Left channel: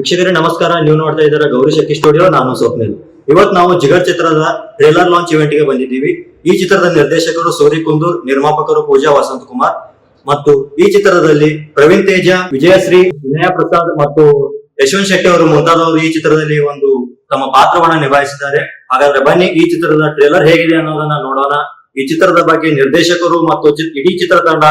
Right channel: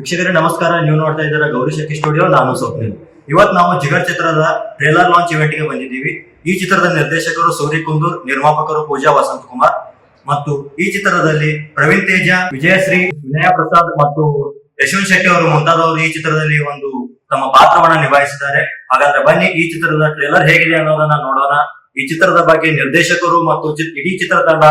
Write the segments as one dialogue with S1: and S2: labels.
S1: ವೀಕ್ಷಕರೇ, ನಮಸ್ಕಾರ. ನೀವು ನೋಡ್ತಾ ಇದ್ದೀರಾ ಗೌರಿ ಶಕ್ತಿ ಸ್ಟುಡಿಯೋ, ನಾನು ಸ್ವಪ್ನಿಲ್. ಇವತ್ತು ನಾವು ಜಿಗರ್ ಚಿತ್ರದ ಟ್ರೇಲರ್ ಲಾಂಚ್ ಇವೆಂಟ್ಗೆ ಬಂದಿದ್ದೀವಿ. ಈ ಚಿತ್ರದ ನಿರ್ದೇಶಕರು ಸೂರಿ ಕುಂದೂರ್, ನಿರ್ಮಾಪಕರು ಪೂಜಾ ವಸಂತ್ ಕುಮಾರ್ ಮತ್ತು ಈ ಚಿತ್ರದಲ್ಲಿ ಪ್ರವೀಣ್ ತೇಜ, ವಿಜಯಶ್ರೀ, ವಿನಯ ಪ್ರಸಾದ್ ಮತ್ತು ಯಶವಂತ್ ಶೆಟ್ಟಿ ಅವರು ಮುಂತಾದವರು ಈ ಚಿತ್ರದಲ್ಲಿ ಒಂದು ತಮ್ಮ ಪಾತ್ರವನ್ನ ನಿಭಾಯಿಸಿದ್ದಾರೆ. ಹಾಗಾದ್ರೆ ಬನ್ನಿ, ಈ ಚಿತ್ರದ ಟ್ರೇಲರ್ ಹೇಗಿದೆ ಅನ್ನೋದನ್ನ ನೋಡೋಣ. ಈ ಚಿತ್ರದ ಬಗ್ಗೆ ನಿರ್ದೇಶಕರು ಮತ್ತು ಇಡೀ ಚಿತ್ರತಂಡ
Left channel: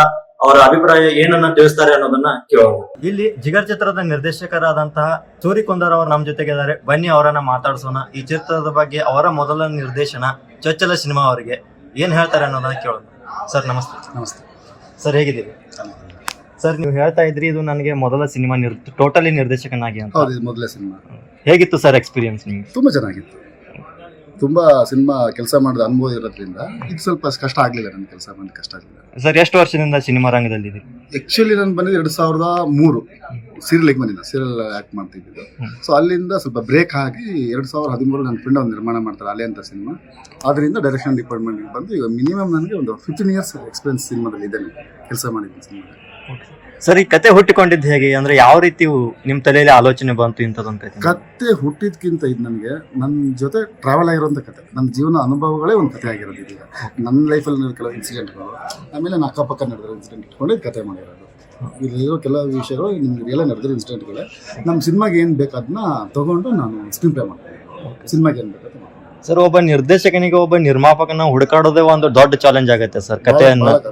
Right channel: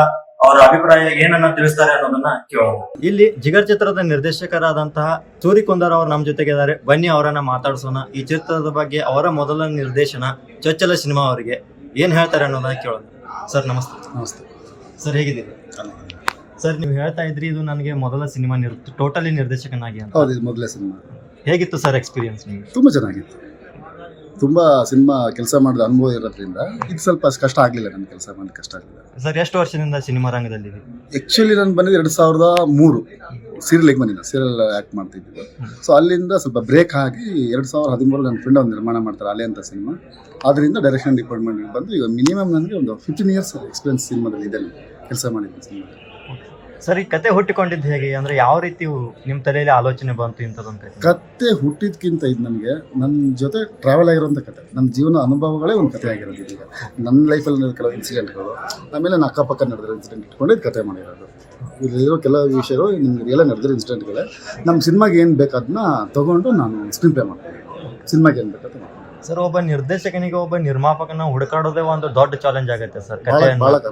S1: ಅವರ ಅಭಿಪ್ರಾಯ ಏನನ್ನ ತಿಳಿಸ್ತಾರೆ ಅನ್ನೋದನ್ನ ಕೇಳೋಣ. ಇಲ್ಲಿ ಜಿಗರ್ ಚಿತ್ರದ ನಿರ್ದೇಶಕರಾದಂತಹ ಸೂರಿ ಕುಂದರ್ ಅವರು ನಮ್ಮ ಜೊತೆಗೆ ಇದ್ದಾರೆ ಬನ್ನಿ ಅವರನ್ನ ಮಾತಾಡಿಸೋಣ. ಈ ಚಿತ್ರದ ಬಗ್ಗೆ ಅವರ ಮೊದಲ ನಿರ್ದೇಶನ ಚೊಚ್ಚಲ ಸಿನಿಮಾ ಅವರಿಗೆ ಏನ್ ಹೇಳ್ತಾರೆ ಅನ್ನೋದನ್ನ ಕೇಳೋಣ. ಸರ್ ನಮಸ್ತೆ.
S2: ನಮಸ್ತೆ.
S1: ಸರ್ ಹೇಗಿದ್ದೀರಿ? ಸರ್ ನೀವು ಹೇಳ್ತಾ ಇದ್ರಿ ಇದು ನನಗೆ ಮೊದಲ ಸಿನಿಮಾ ನಿರ್ ಟೋಟಲಿ ನಿರ್ದೇಶಕನಾಗಿ ಅಂತ.
S2: ಹೌದು ಇದು ಮೊದಲೇ ಸಿನಿಮಾ.
S1: ಹೇಗಿತ್ತು ಸರ್ ಎಕ್ಸ್ಪೀರಿಯನ್ಸ್ ನಿಮಗೆ?
S2: ತುಂಬಾ ಚೆನ್ನಾಗಿತ್ತು. ತುಂಬ ಸಿನಿಮಾ ಕೆಲಸ ಮಾಡಿದ ಅನುಭವ ಇರೋದ್ರಿಂದ ಇದು ಸ್ವಲ್ಪ ಕಷ್ಟ ಆಗಲಿಲ್ಲ ನನ್ನ ಕೆಲಸ ಮಾಡಿ ಕಷ್ಟ ಆಗಲಿಲ್ಲ.
S1: ಸರ್ ಎಷ್ಟು ವರ್ಷದಿಂದ ಸಿನಿಮಾ ರಂಗದಲ್ಲಿ
S2: ಆ್ಯಕ್ಚುಲಿ ನಾನು ಬಂದಿದ್ದು ಎರಡು ಸಾವಿರದ ಮೂರು. ಸೀರಿಯಲ್ಗೆ ಬಂದಿಲ್ಲ ಸೀರಿಯಲ್ ಆ್ಯಕ್ಟ್ ಮಾಡ್ತಿದ್ದು ಸೊ ಅಲ್ಲಿಂದ ಸ್ವಲ್ಪ ಬ್ರೇಕ್ ಆಗಿ ಎರಡು ಸಾವಿರದ ಹದಿಮೂರು ನನ್ನ ಫ್ರೆಂಡ್ ಒಂದು ನಿರ್ಮಾಣ ಮಾಡ್ತಾರೆ ಅಲೆ ಅಂತ ಸಿನಿಮಾ. ಅದರಿಂದ ಡೈರೆಕ್ಷನ್ ಡಿಪಾರ್ಟ್ಮೆಂಟ್ಗೆ ಬಂದು ಈಗ ಮಿನಿಮಮ್ ನನಗೆ ಒಂದು ಫಿಫ್ಟೀನ್ ಇಯರ್ಸ್ ಎಕ್ಸ್ಪೀರಿಯನ್ಸ್ ಸಿನಿಮಾದಲ್ಲಿ ಇದ್ದೇನೆ ಕೆಲಸ ಮಾಡಿದ್ದೀನಿ ಸಿನಿಮಾದಲ್ಲಿ.
S1: ಸರ್ ಈ ಕತೆ ಹುಟ್ಟಿಕೊಂಡಿದ್ದು ಹೇಗೆ? ಅಂದ್ರೆ ಯಾವ ರೀತಿ ನಿಮ್ಮ ತಲೆಯಲ್ಲಿ ಆಲೋಚನೆ ಬಂತು ಇಂಥದ್ದೊಂದು ಕತೆ?
S2: ಕತೆ ಹುಟ್ಟಿದ್ಕಿಂತ ಇದು ನನಗೆ ನನ್ನ ಜೊತೆ ಟ್ರಾವೆಲ್ ಆಗಿರೋಂಥ ಕತೆ. ನನ್ನ ಜೀವನ ಅನುಭವಗಳೇ ಒಂದು ಕತೆ ಆಗಿರೋದು ಇದೀಗ. ನನ್ನ ಲೈಫಲ್ಲಿ ಕೆಲವು ಇನ್ಸಿಡೆಂಟ್ಗಳು ಆಮೇಲೆ ನನ್ನ ಅಕ್ಕಪಕ್ಕ ನಡೆದಿರೋ ಇನ್ಸಿಡೆಂಟ್ ಇಟ್ಕೊಂಡು ಇದು ಕತೆ ಮಾಡಿರೋದು. ಇಲ್ಲಿರೋ ಕೆಲವು ವಿಷಯಗಳು ರಿಯಲ್ ನಡೆದಿರೋ ಇನ್ಸಿಡೆಂಟ್ಗಳೇ ನಮ್ಮ ಸಿನಿಮಾಗೆ ಏನು ಬೇಕು ಅದನ್ನ ತೊಗೊಂಡು ನಾನು ಸ್ಕ್ರೀನ್ ಪ್ಲೇ ಮಾಡ್ತೀನಿ ಸಿನಿಮಾಗೆ ಏನು ಬೇಕಂತ ಮಾಡ್ತೀನಿ
S1: ಸರ್ ಒಬ್ಬ ನಿರ್ದೇಶಕನಿಗೆ ಒಬ್ಬ ನಿರ್ಮಾಪಕನ ಹುಡುಕಾಡೋದೇ ಒಂದು ದೊಡ್ಡ ಚಾಲೆಂಜ್ ಆಗುತ್ತೆ ಸರ್
S2: ಕಥೆ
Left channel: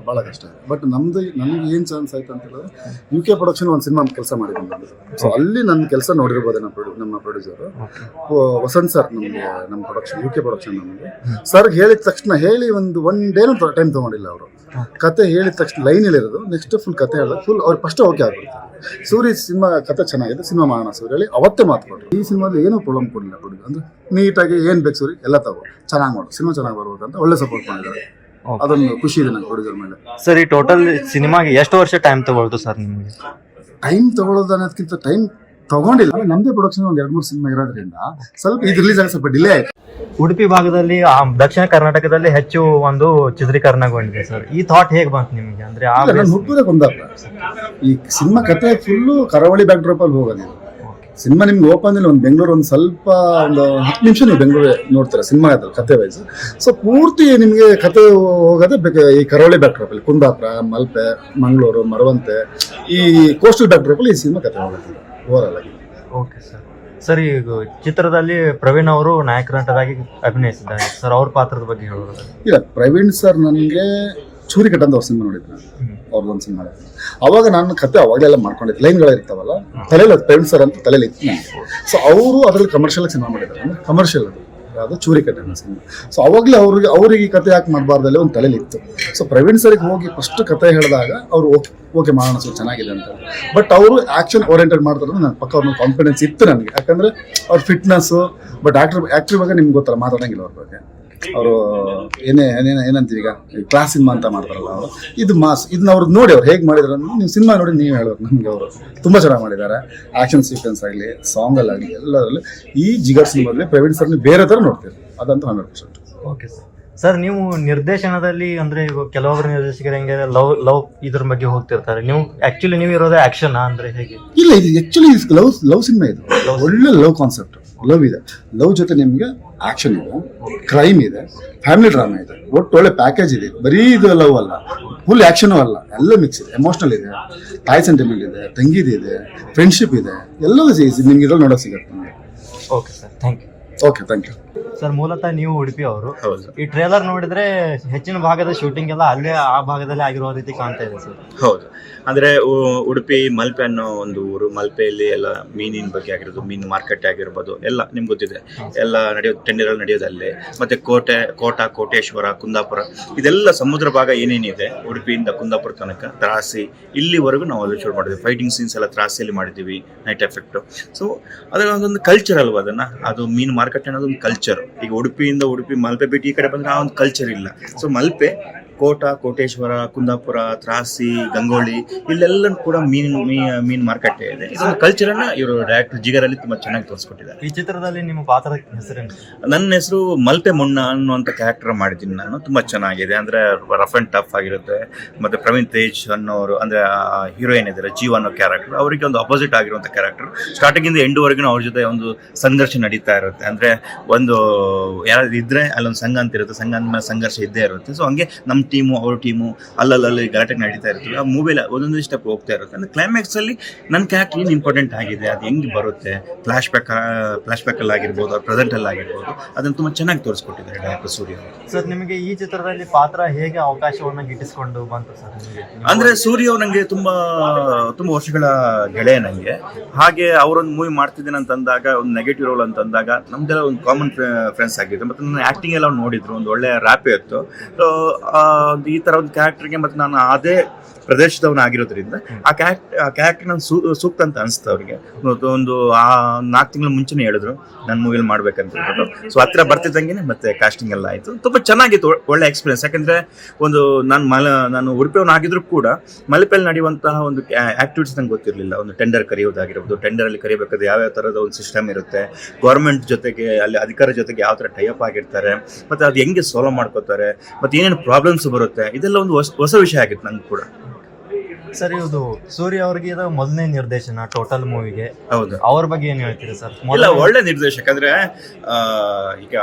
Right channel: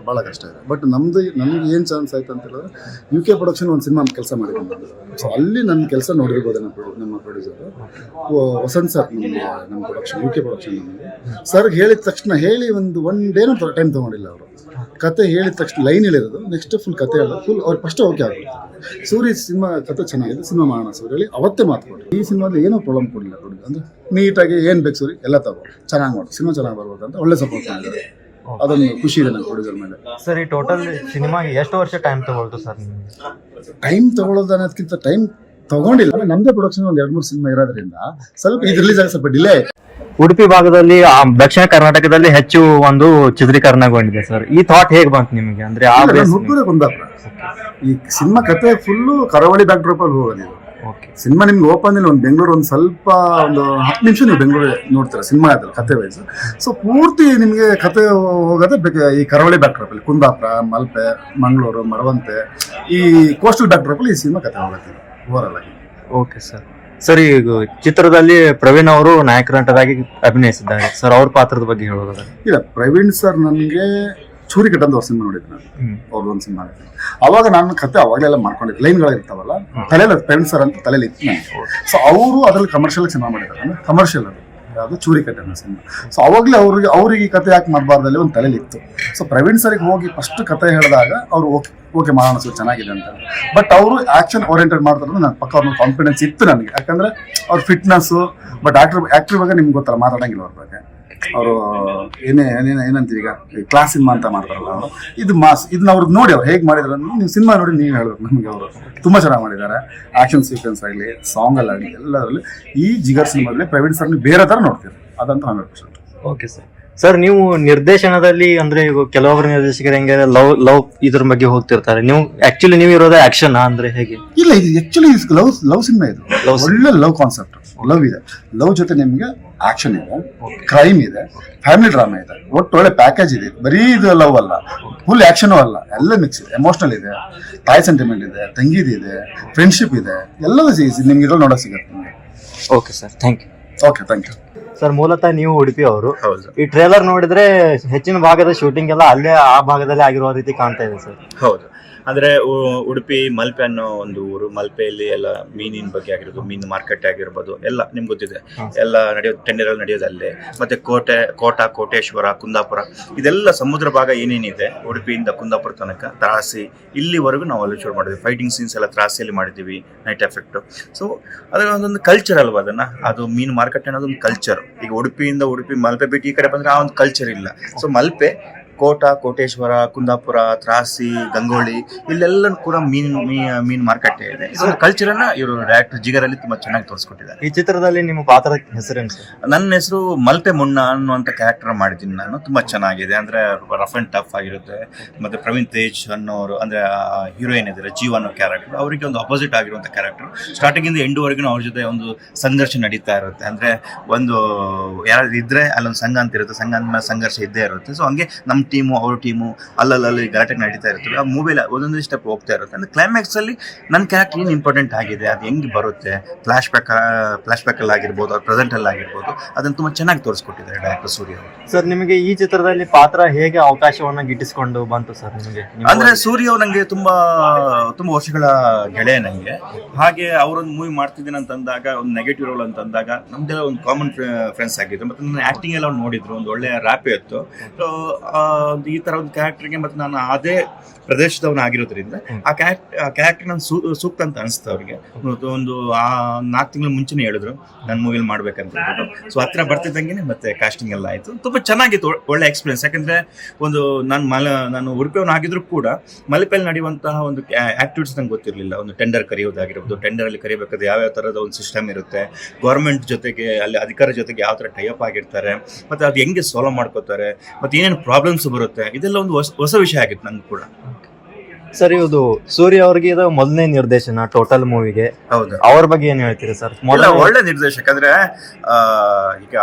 S2: ಬಹಳ ಕಷ್ಟ ಇದೆ. ಬಟ್ ನಮ್ದು ನಮ್ಗೆ ಏನು ಚಾನ್ಸ್ ಆಯ್ತು ಅಂತ ಹೇಳಿದ್ರೆ ಯು ಕೆ ಪ್ರೊಡಕ್ಷನ್ ಒಂದು ಸಿನಿಮಾ ಕೆಲಸ ಮಾಡಿದ್ದೀನಿ ನಾನು ಸೊ ಅಲ್ಲಿ ನನ್ನ ಕೆಲಸ ನೋಡಿರ್ಬೋದು ನಮ್ಮ ಪ್ರೊಡ್ಯೂ ನಮ್ಮ ಪ್ರೊಡ್ಯೂಸರು ವಸಂತ್ ಸರ್ ನಮಗೆ ನಮ್ಮ ಪ್ರೊಡಕ್ಷನ್ ಯು ಕೆ ಪ್ರೊಡಕ್ಷನ್ ನಮಗೆ. ಸರ್ಗೆ ಹೇಳಿದ ತಕ್ಷಣ ಹೇಳಿ ಒಂದು ಒನ್ ಡೇನೂ ಟೈಮ್ ತೊಗೊಂಡಿಲ್ಲ ಅವರು. ಕತೆ ಹೇಳಿದ ತಕ್ಷಣ ಲೈನ್ ಹೇಳಿರೋದು ನೆಕ್ಸ್ಟ್ ಫುಲ್ ಕತೆ ಹೇಳಿದ್ರೆ ಫುಲ್ ಅವ್ರು ಫಸ್ಟ್ ಓಕೆ ಆಗ್ಬಿಡ್ತಾರೆ. ಸೂರ್ಯ ಸಿನಿಮಾ ಕತೆ ಚೆನ್ನಾಗಿದೆ ಸಿನಿಮಾ ಮಾಡೋಣ ಸೂರ್ಯ ಹೇಳಿ ಅವತ್ತೇ ಮಾತು ಕೊಟ್ಟರು. ಈ ಸಿನಿಮಾದಲ್ಲಿ ಏನೂ ಪ್ರಾಬ್ಲಮ್ ಕೊಡಲಿಲ್ಲ ಕೊಡಿ ಅಂದ್ರೆ ನೀಟಾಗಿ ಏನು ಬೇಕು ಸೂರಿ ಎಲ್ಲ ತಗೋ. ಚೆನ್ನಾಗಿ ಮಾಡು. ಸಿನಿಮಾ ಚೆನ್ನಾಗಿ ಬರ್ಬೇಕು ಅಂತ ಒಳ್ಳೆ ಸಪೋರ್ಟ್ ಮಾಡಿದ್ದಾರೆ. ಅದೊಂದು ಖುಷಿ ಇದೆ ನಂಗೆ ಪ್ರೊಡ್ಯೂಸರ್ ಮೇಲೆ.
S1: ಸರ್ ಈ ಟೋಟಲ್ ಸಿನಿಮಾಗೆ ಎಷ್ಟು ವರ್ಷ ಟೈಮ್ ತಗೊಳ್ತು ಸರ್ ನಿಮಗೆ?
S2: ಟೈಮ್ ತಗೊಳ್ಳೋದು ಅನ್ನೋದಕ್ಕಿಂತ ಟೈಮ್ ತಗೊಂಡಿಲ್ಲ. ಆಮೇಲೆ ನಮ್ಮದೇ ಪ್ರೊಡಕ್ಷನ್ ಒಂದು ಎರಡು ಮೂರು ಸಿನಿಮಾ ಇರೋದ್ರಿಂದ ಸ್ವಲ್ಪ ಇದು ರಿಲೀಸ್ ಆಗಿ ಸ್ವಲ್ಪ ಡಿಲೇ ಆಯ್ತು.
S1: ಉಡುಪಿ ಭಾಗದಲ್ಲಿ ಆ, ದಕ್ಷಿಣ ಕರ್ನಾಟಕದಲ್ಲಿ ಹೆಚ್ಚು ಒಂದು ಚಿತ್ರೀಕರಣಗೊಂಡಿದೆ ಸರ್ ಈ ಥಾಟ್ ಹೇಗೆ ಬಂತು ನಿಮಗೆ? ಅಂದ್ರೆ ಆ
S2: ಇಲ್ಲ ನಾನು ಹುಟ್ಟೂರೇ ಕುಂದಾಪುರ. ಈ ಸಿನಿಮಾ ಕತೆ ಫುಲ್ಲು ಕರಾವಳಿ ಬ್ಯಾಕ್ ಡ್ರಾಪ್ ಅಲ್ಲಿ ಹೋಗೋದು ಇದು. ಸಿನಿಮಾ ನಿಮ್ಗೆ ಓಪನ್ ಇಲ್ಲ ಒಂದು ಬೆಂಗಳೂರು ಒಂದು ಸ್ವಲ್ಪ ಒಂದು ಹತ್ತು ನಿಮಿಷ ನೀವು ಬೆಂಗಳೂರು ನೋಡ್ತೀರ ಸಿನಿಮಾ ಅದ್ರಲ್ಲಿ ಕತೆ ವೈಸ್ ಸೊ ಪೂರ್ತಿ ನಿಮಗೆ ಕತೆ ಹೋಗೋದೇ ಬೇಕು ಈ ಕರಾವಳಿ ಬ್ಯಾಕ್ ಡ್ರಾಪ್ ಅಲ್ಲಿ ಕುಂದಾಪುರ ಮಲ್ಪೆ ಮಂಗಳೂರು ಮರವಂತೆ ಈ ಕೋಸ್ಟಲ್ ಬ್ಯಾಕ್ ಡ್ರಾಪ್ ಅಲ್ಲಿ ಈ ಸಿನಿಮಾ ಕತೆ ಹೋಗುತ್ತೆ ಓವರ್ ಆಗಿ
S1: ಓಕೆ ಸರ್ ಸರ್ ಈಗ ಚಿತ್ರದಲ್ಲಿ ಪ್ರವೀಣ್ ಅವರು ನಾಯಕ ನಟರಾಗಿ ಅಭಿನಯಿಸಿದ್ದಾರೆ. ಸರ್ ಅವ್ರ ಪಾತ್ರದ ಬಗ್ಗೆ ಹೇಳೋದು
S2: ಇಲ್ಲ ಪ್ರವೀಣ್ ಸರ್ ನನಗೆ ಚೂರಿ ಕಟ್ಟಂತ ಅವ್ರ ಸಿನಿಮಾ ನೋಡಿದ್ದೆ ನಾನು. ಅವ್ರದ್ದೊಂದು ಸಿನಿಮಾ ಮಾಡಿದ್ದೆ ಅವಾಗ ನಾನು ಕತೆ ಅವಾಗಲೆಲ್ಲ ಮಾಡ್ಕೊಂಡಿದ್ದೆ. ಲೈನ್ಗಳು ಇರ್ತಾವಲ್ಲ ತಲೆಯಲ್ಲಿ ಪ್ರವೀಣ್ ಸರ್ ಅಂತ ತಲೆಯಲ್ಲಿ ಇತ್ತು ನನಗೆ ಸೊ ಅವರು ಅದರಲ್ಲಿ ಕಮರ್ಷಿಯಲ್ ಸಿನಿಮಾ ಮಾಡಿದ್ದಾರೆ. ಅಂದ್ರೆ ಕಮರ್ಷಿಯಲ್ ಅದು. ಯಾವುದು ಚೂರಿ ಅನ್ನೋ ಸಿನಿಮಾ. ಸೊ ಅವಾಗಲೇ ಅವ್ರಿಗೆ ಅವ್ರಿಗೆ ಕತೆ ಯಾಕೆ ಮಾಡಬಾರ್ದಲ್ಲಿ ಒಂದು ತಲೆಲಿತ್ತು ಸೊ ಪ್ರವೀಣ್ ಸರಿಗೆ ಹೋಗಿ ಫಸ್ಟ್ ಕತೆ ಹೇಳಿದಾಗ ಅವರು ಓಕೆ ಓಕೆ ಮಾಡೋಣ ಸರ್, ಚೆನ್ನಾಗಿದೆ ಅಂತ ಬಟ್ ಅವರು ಆ್ಯಕ್ಷನ್ ಓರಿಯೆಂಟೆಡ್ ಮಾಡ್ತಾರೆ ನನ್ನ ಪಕ್ಕ ಅವ್ರ ಕಾನ್ಫಿಡೆನ್ಸ್ ಇತ್ತು ನನಗೆ. ಯಾಕಂದ್ರೆ ಅವ್ರ ಫಿಟ್ನೆಸ್ಸು ಬಟ್ ಆಕ್ಟ್ರ್ ಆ್ಯಕ್ಟ್ರ್ ಬಗ್ಗೆ ನಿಮ್ಗೆ ಗೊತ್ತಲ್ಲ, ಮಾತಾಡೋಂಗಿಲ್ಲ ಅವ್ರ ಬಗ್ಗೆ. ಅವರು, ಏನೇ, ಏನೇನು, ಏನಂತೀವಿ ಈಗ? ಕ್ಲಾಸ್ ಸಿನಿಮಾ ಅಂತ ಮಾಡ್ತಾರಲ್ಲ ಅವರು. ಇದು ಮಾಸ್ ಇದನ್ನ ಅವ್ರಿಗೆ ನೋಡಿ ಅವ್ರು ಹೇಗೆ ಮಾಡಿದ್ರು ನೀವು ಸಿನಿಮಾ ನೋಡಿ ನೀವು ಹೇಳ್ಬೇಕು ನಮಗೆ ಅವರು. ತುಂಬ ಚೆನ್ನಾಗಿ ಮಾಡಿದ್ದಾರೆ. ಆ್ಯಕ್ಷನ್ ಸೀಕ್ವೆನ್ಸ್ ಆಗಲಿ ಸಾಂಗಲ್ಲಾಗಲಿ ಎಲ್ಲದರಲ್ಲಿ ಈ ಜಿಗರ್ ಸಿನಿಮಾದಲ್ಲಿ ಪ್ರವೀಣ್ ಸರ್ನ ಬೇರೆ ಥರ ನೋಡ್ತೀರಿ ಅದಂತೂ hundred percent
S1: okay sir sir ನೀವು ನಿರ್ದೇಶನದಲ್ಲಿ ಅಂದ್ರೆ ಕೆಲವೊಬ್ಬರು ನಿರ್ದೇಶಕರು ಹೆಂಗೆ ಲವ್ ಲವ್ ಇದ್ರ ಬಗ್ಗೆ ಹೋಗ್ತಿರ್ತಾರೆ. ನೀವು ಆಕ್ಚುಲಿ ನೀವು ಇರೋದೇ ಆಕ್ಷನ್ ಅಂದ್ರೆ ಹೇಗೆ?
S2: ಇಲ್ಲ ಇದು ಆ್ಯಕ್ಚುಲಿ ಲವ್ ಲವ್ ಸಿನಿಮಾ ಇದು. ಒಳ್ಳೆ ಲವ್ ಕಾನ್ಸೆಪ್ಟ್ ಲವ್ ಇದೆ. ಲವ್ ಜೊತೆ ನಿಮಗೆ ಆಕ್ಷನ್ ಇದೆ. ಕ್ರೈಮ್ ಇದೆ. ಫ್ಯಾಮಿಲಿ ಡ್ರಾಮಾ ಇದೆ. ಒಟ್ಟು ಒಳ್ಳೆ ಪ್ಯಾಕೇಜ್ ಇದೆ. ಬರೀ ಇದು ಲವ್ ಅಲ್ಲ. ಫುಲ್ ಆ್ಯಕ್ಷನು ಅಲ್ಲ. ಎಲ್ಲ ಮಿಕ್ಸ್ ಇದೆ. ಎಮೋಷನಲ್ ಇದೆ. ತಾಯಿ ಸೆಂಟಿಮೆಂಟ್ ಇದೆ. ತಂಗಿದು ಇದೆ. ಫ್ರೆಂಡ್ಶಿಪ್ ಇದೆ. ಎಲ್ಲದೂ ನಿಮ್ಗೆ ಇದ್ರಲ್ಲಿ ನೋಡೋಕೆ ಸಿಗುತ್ತೆ ನಿಮಗೆ.
S1: Okay sir thank you
S2: okay thank you
S1: sir ಮೂಲತಃ ನೀವು ಉಡುಪಿ ಅವರು.
S3: ಹೌದು.
S1: ಈ ಟ್ರೇಲರ್ ನೋಡಿದ್ರೆ ಹೆಚ್ಚಿನ ಭಾಗದ ಶೂಟಿಂಗ್ ಎಲ್ಲ ಅಲ್ಲೇ ಆ ಭಾಗದಲ್ಲಿ ಆಗಿರುವ ರೀತಿ ಕಾಣ್ತಾ ಇದೆ ಸರ್.
S3: ಹೌದು. ಅಂದ್ರೆ ಉಡುಪಿ ಮಲ್ಪೆ ಅನ್ನೋ ಒಂದು ಊರು ಮಲ್ಪೆಯಲ್ಲಿ ಎಲ್ಲ ಮೀನಿನ ಬಗ್ಗೆ ಆಗಿರೋದು ಮೀನು ಮಾರ್ಕೆಟ್ ಆಗಿರ್ಬೋದು ಎಲ್ಲ ನಿಮ್ಗೆ ಗೊತ್ತಿದೆ. ಎಲ್ಲ ನಡೆಯೋದು ಟೆಂಡರ್ಗಳು ನಡೆಯೋದು ಅಲ್ಲೇ. ಮತ್ತೆ ಕೋಟೆ ಕೋಟ ಕೋಟೇಶ್ವರ ಕುಂದಾಪುರ ಇದೆಲ್ಲ ಸಮುದ್ರ ಭಾಗ ಏನೇನಿದೆ ಉಡುಪಿಯಿಂದ ಕುಂದಾಪುರ ತನಕ ತ್ರಾಸಿ ಇಲ್ಲಿವರೆಗೂ ನಾವು ಅಲ್ಲಿ ಶೂಟ್ ಮಾಡಿದ್ವಿ. ಫೈಟಿಂಗ್ ಸೀನ್ಸ್ ಎಲ್ಲ ತ್ರಾಸಿಯಲ್ಲಿ ಮಾಡಿದ್ದೀವಿ ನೈಟ್ ಎಫೆಕ್ಟು ಸೊ ಅದರ ಒಂದೊಂದು ಕಲ್ಚರ್ ಅಲ್ವಾ ಅದನ್ನು? ಅದು ಮೀನು ಮಾರ್ಕೆಟ್ ಅನ್ನೋದು ಒಂದು ಕಲ್ಚರ್ ಈಗ ಉಡುಪಿಯಿಂದ ಉಡುಪಿ ಮಲ್ಪೆ ಬಿಟ್ಟು ಈ ಕಡೆ ಬಂದ್ರೆ ಆ ಒಂದು ಕಲ್ಚರ್ ಇಲ್ಲ. ಸೊ ಮಲ್ಪೆ ಕೋಟ ಕೋಟೇಶ್ವರ ಕುಂದಾಪುರ ತ್ರಾಸಿ ಗಂಗೋಳಿ ಇಲ್ಲೆಲ್ಲ ಕೂಡ ಮೀನು ಮೀನು ಮಾರುಕಟ್ಟೆ ಇದೆ. ಇದೊಂದು ಕಲ್ಚರನ್ನ ಇವರು ಡೈರೆಕ್ಟರ್ ಜಿಗರಲ್ಲಿ ತುಂಬಾ ಚೆನ್ನಾಗಿ ತೋರಿಸ್ಕೊಟ್ಟಿದ್ದಾರೆ.
S1: ಈ ಚಿತ್ರದಲ್ಲಿ ನಿಮ್ಮ ಪಾತ್ರದ ಹೆಸರೇನು
S3: ನನ್ನ ಹೆಸರು ಮಲ್ಪೆ ಮುಣ್ಣ ಅನ್ನುವಂಥ ಕ್ಯಾರೆಕ್ಟರ್ ಮಾಡಿದ್ದೀನಿ ನಾನು. ತುಂಬಾ ಚೆನ್ನಾಗಿದೆ. ಅಂದ್ರೆ ರಫ್ ಅಂಡ್ ಟಫ್ ಆಗಿರುತ್ತೆ. ಮತ್ತೆ ಪ್ರವೀಣ್ ತೇಜ್ ಅನ್ನೋರು ಅಂದ್ರೆ ಹೀರೋಯಿನ್ ಇದ್ದಾರೆ ಜೀವ ಅನ್ನೋ ಕ್ಯಾರೆಕ್ಟರ್ ಅವರಿಗೆ ಒಂದು ಅಪೋಸಿಟ್ ಆಗಿರುವಂಥ ಕ್ಯಾರೆಕ್ಟರ್ ಎಂಡ್ ವರೆಗೂ ಅವ್ರ ಜೊತೆ ಒಂದು ಸಂಘರ್ಷ ನಡೀತಾ ಇರುತ್ತೆ. ಅಂದ್ರೆ ಒಂದು ಯಾರಾದ್ರೂ ಇದ್ರೆ ಅಲ್ಲೊಂದು ಸಂಘ ಅಂತ ಇರುತ್ತೆ. ಸಂಘ ಅಂತ ಸಂಘರ್ಷ ಇದ್ದೇ ಇರುತ್ತೆ. ಸೊ ಹಂಗೆ ನಮ್ಮ ಟೀಮು ಅವ್ರ ಟೀಮು ಅಲ್ಲಲ್ಲಿ ಗಲಾಟೆ ನಡೀತಾ ಇರ್ತದೆ ಆ ಮೂವಿಲಿ ಒಂದೊಂದು ಸ್ಟೆಪ್ ಹೋಗ್ತಾ ಇರುತ್ತೆ. ಅಂದರೆ ಕ್ಲೈಮ್ಯಾಕ್ಸಲ್ಲಿ ನನ್ನ ಕ್ಯಾರೆಕ್ಟರ್ ಏನು ಇಂಪಾರ್ಟೆಂಟ್ ಆಗಿದೆ ಅದು ಹೆಂಗೆ ಬರುತ್ತೆ? ಫ್ಲಾಶ್ ಬ್ಯಾಕ್ ಫ್ಲಾಶ್ ಬ್ಯಾಕಲ್ಲಿ ಆಗಿರ್ಬೋದು ಅವ್ರ ಪ್ರೆಸೆಂಟಲ್ಲಿ ಆಗಿರ್ಬೋದು ಅದನ್ನು ತುಂಬ ಚೆನ್ನಾಗಿ ತೋರಿಸ್ಕೊಟ್ಟಿದ್ದಾರೆ ಡೈರೆಕ್ಟರ್ ಸೂರ್ಯ ಅವರು.
S1: ಸರ್ ನಿಮಗೆ ಈ ಚಿತ್ರದಲ್ಲಿ ಪಾತ್ರ ಹೇಗೆ ಅವಕಾಶವನ್ನ ಗಿಟ್ಟಿಸಿಕೊಂಡು ಬಂತು ಸರ್ ನಿಮಗೆ?
S3: ಅಂದ್ರೆ ಸೂರ್ಯ ಅವ್ರು ನಂಗೆ ತುಂಬಾ ತುಂಬಾ ವರ್ಷಗಳ ಗೆಳೆಯ ನಂಗೆ. ಹಾಗೆ ಅವರೊಂದು ಮೂವಿ ಮಾಡ್ತಿದ್ದೀನಿ ಅಂತಂದಾಗ ಒಂದು ನೆಗೆಟಿವ್ ರೋಲ್ ಅಂತಂದಾಗ ನಮ್ದೆಲ್ಲ ಒಂದು ಕಾಮನ್ ಫ್ರೆಂಡ್ಸ್ ಆಗಿದ್ರು. ಮತ್ತೆ ನನ್ನ ಆಕ್ಟಿಂಗ್ ಎಲ್ಲ ಅವ್ರು ನೋಡಿದ್ರು ಒಂದು ಒಳ್ಳೆಯ ರ್ಯಾಪೇ ಇತ್ತು. ಸೊ ಒಂದು ಈ ತರ ಒಂದು ಕ್ಯಾರೆಕ್ಟರ್ಗೆ ಮತ್ತೆ ನಾನು ಅದೇ ಪ್ರದೇಶದವನಾಗಿರೋದ್ರಿಂದ ಆ ಕ್ಯಾರೆಕ್ಟ್ ಆ ಕ್ಯಾರೆಕ್ಟರ್ ನಾನು ಸೂಕ್ತ ಅಂತ ಅನಿಸ್ತು ಅವ್ರಿಗೆ. ಒಂದು- ಒಂದು ಆ ನಾಲ್ಕು ತಿಂಗಳು ಮುಂಚೆನೇ ಹೇಳಿದ್ರು ನನ್ನ ಮೂವಿಲ್ ಮಾಡ್ಬೇಕಂತ ಹೇಳ್ಬಿಟ್ಟು. ಸೊ ಹತ್ರ ಬರ್ತಿದ್ದಂಗೆ ಮತ್ತೆ ಕಾಸ್ಟಿಂಗ್ ಎಲ್ಲ ಆಯಿತು. ತುಂಬ ಚೆನ್ನಾಗಿತ್ತು ಒಳ್ಳೆ ಎಕ್ಸ್ಪೀರಿಯನ್ಸ್ ಯಾಕಂದ್ರೆ ಒಂದು ನಾನು ಮಲ ನಾನು ಉಡುಪಿಯವನಾಗಿದ್ರು ಕೂಡ ಮಲಿಪೆಯಲ್ಲಿ ನಡೆಯುವಂತಹ ಒಂದು ಆಕ್ಟಿವಿಟೀಸ್ ನಂಗೆ ಗೊತ್ತಿರಲಿಲ್ಲ. ಒಂದು ಟೆಂಡರ್ ಕರೆಯೋದಾಗಿರ್ಬೋದು ಟೆಂಡರಲ್ಲಿ ಕರಿಬೇಕಾದ್ರೆ ಯಾವ್ಯಾವ ಥರದ ಒಂದು ಸಿಸ್ಟಮ್ ಇರುತ್ತೆ ಗೌರ್ಮೆಂಟ್ ಜೊತೆಗೆ ಅಲ್ಲಿ ಅಧಿಕಾರ ಜೊತೆಗೆ ಯಾವ ಥರ ಟೈಅಪ್ ಆಗಿರ್ತಾರೆ ಮತ್ತು ಅದು ಹೆಂಗೆ ಸಾಲ್ವ್ ಮಾಡ್ಕೋತಾರೆ ಮತ್ತು ಏನೇನು ಪ್ರಾಬ್ಲಮ್ಸ್ ಬರುತ್ತೆ. ಇದೆಲ್ಲ ಒಂದು ಹೊಸ ವಿಷಯ ಆಗಿತ್ತು ನಂಗೆ ಕೂಡ.
S1: ಸರ್ ಇದು ಸೂರ್ಯ ಅವ್ರಿಗೆ ಇದು ಮೊದಲನೇ ನಿರ್ದೇಶನ ಟೋಟಲ್ ಮೂವಿಗೆ.
S3: ಹೌದು.
S1: ಅವ್ರ ಬಗ್ಗೆ ಏನ್ ಹೇಳ್ತೀರಿ ಸರ್?
S3: ಇಲ್ಲ ಒಳ್ಳೆ ನಿರ್ದೇಶಕ ಅಂದ್ರೆ ಆ, ಈಗ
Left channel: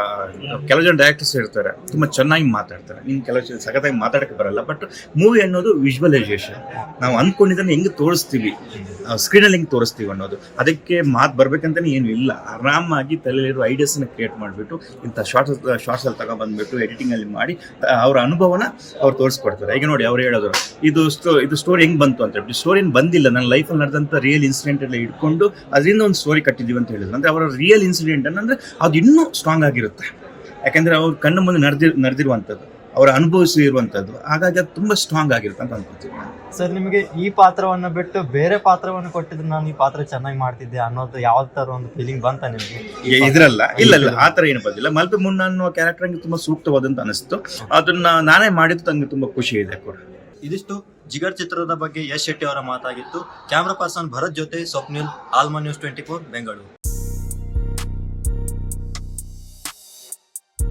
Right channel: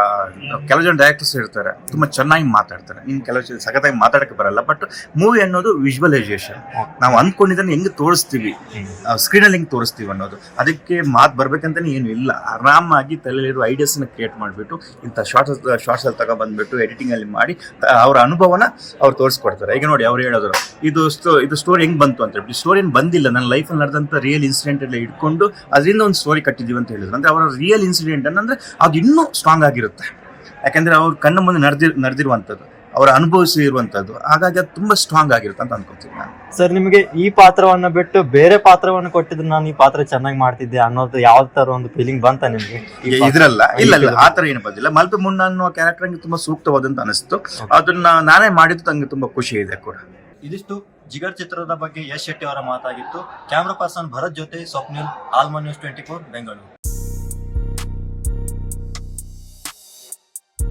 S3: ಕೆಲವು ಜನ ಡೈರೆಕ್ಟರ್ಸ್ ಇರ್ತಾರೆ ತುಂಬಾ ಚೆನ್ನಾಗಿ ಮಾತಾಡ್ತಾರೆ. ನಿನ್ ಕೆಲವು ಜನ ಸಖತ್ತಾಗಿ ಮಾತಾಡಕ್ಕೆ ಬರಲ್ಲ ಬಟ್ ಮೂವಿ ಅನ್ನೋದು ವಿಜುವಲೈಸೇಷನ್ ನಾವು ಅಂದ್ಕೊಂಡಿದ್ದನ್ನ ಹೆಂಗ್ ತೋರಿಸ್ತೀವಿ? ಸ್ಕ್ರೀನ್ ಅಲ್ಲಿ ಹೆಂಗ್ ತೋರಿಸ್ತೀವಿ ಅನ್ನೋದು. ಅದಕ್ಕೆ ಮಾತು ಬರ್ಬೇಕಂತಾನೆ ಏನು ಇಲ್ಲ. ಆರಾಮಾಗಿ ತಲೆಯಲ್ಲಿರೋ ಐಡಿಯಾಸ್ನ ಕ್ರಿಯೇಟ್ ಮಾಡಿಬಿಟ್ಟು ಇಂಥ ಶಾರ್ಟ್ಸ್ ಶಾರ್ಟ್ಸ್ ಅಲ್ಲಿ ತಗೊಂಡ್ಬಂದ್ಬಿಟ್ಟು ಎಡಿಟಿಂಗ್ ಅಲ್ಲಿ ಮಾಡಿ ಅವ್ರ ಅನುಭವನ ಅವ್ರು ತೋರಿಸ್ಕೊಡ್ತಾರೆ. ಈಗ ನೋಡಿ ಅವ್ರು ಹೇಳೋದು ಇದು ಸ್ಟೋ ಇದು ಸ್ಟೋರಿ ಹೆಂಗೆ ಬಂತು ಅಂತ ಹೇಳ್ಬಿಟ್ಟು ಸ್ಟೋರಿ ಏನು ಬಂದಿಲ್ಲ. ನನ್ನ ಲೈಫಲ್ಲಿ ನಡೆದಂಥ ರಿಯಲ್ ಇನ್ಸಿಡೆಂಟ್ ಎಲ್ಲ ಇಟ್ಕೊಂಡು ಅದರಿಂದ ಒಂದು ಸ್ಟೋರಿ ಕಟ್ಟಿದೀವಿ ಅಂತ ಹೇಳಿದ್ರು. ಅಂದ್ರೆ ಅವರ ರಿಯಲ್ ಇನ್ಸಿಡೆಂಟ್ ಅನ್ನಂದ್ರೆ ಅದು ಇನ್ನೂ ಸ್ಟ್ರಾಂಗ್ ಆಗಿರುತ್ತೆ. ಯಾಕಂದ್ರೆ ಅವ್ರ ಕಣ್ಣು ಮುಂದೆ ನಡೆದಿರ್ ನಡೆದಿರುವಂಥದ್ದು ಅವರ ಅನುಭವಿಸಿ ಇರುವಂಥದ್ದು ಹಾಗಾಗಿ ಅದು ತುಂಬಾ ಸ್ಟ್ರಾಂಗ್ ಆಗಿರುತ್ತೆ ಅಂತ ಅನ್ಕೊತೀನಿ ನಾನು.
S1: ಸರ್ ನಿಮಗೆ ಈ ಪಾತ್ರವನ್ನು ಬಿಟ್ಟು ಬೇರೆ ಪಾತ್ರವನ್ನು ಕೊಟ್ಟಿದ್ರೆ ನಾನು ಈ ಪಾತ್ರ ಚೆನ್ನಾಗಿ ಮಾಡ್ತಿದ್ದೆ ಅನ್ನೋದು ಯಾವ ಥರ ಒಂದು ಫೀಲಿಂಗ್ ಬಂತ ನಿಮಗೆ?
S3: ಇದ್ರಲ್ಲ? ಇಲ್ಲ ಇಲ್ಲ ಆ ಥರ ಏನು ಬಂದಿಲ್ಲ. ಮಲ್ಪೆ ಮುನ್ನ ಅನ್ನೋ ಕ್ಯಾರೆಕ್ಟರ್ ನಂಗೆ ತುಂಬಾ ಸೂಕ್ತವಾದಂತ ಅನಿಸ್ತು. ಅದನ್ನ ನಾನೇ ಮಾಡಿದ್ದು ನಂಗೆ ತುಂಬಾ ಖುಷಿ ಇದೆ ಕೂಡ.
S1: ಇದಿಷ್ಟು ಜಿಗರ್ ಚಿತ್ರದ ಬಗ್ಗೆ ಯಶ್ ಶೆಟ್ಟಿ ಅವರ ಮಾತಾಗಿತ್ತು. ಕ್ಯಾಮ್ರಾ ಪರ್ಸನ್ ಭರತ್ ಜೊತೆ ಸ್ವಪ್ನಿಲ್, ಆಲ್ಮಾ ನ್ಯೂಸ್ ಟ್ವೆಂಟಿ ಫೋರ್, ಬೆಂಗಳೂರು.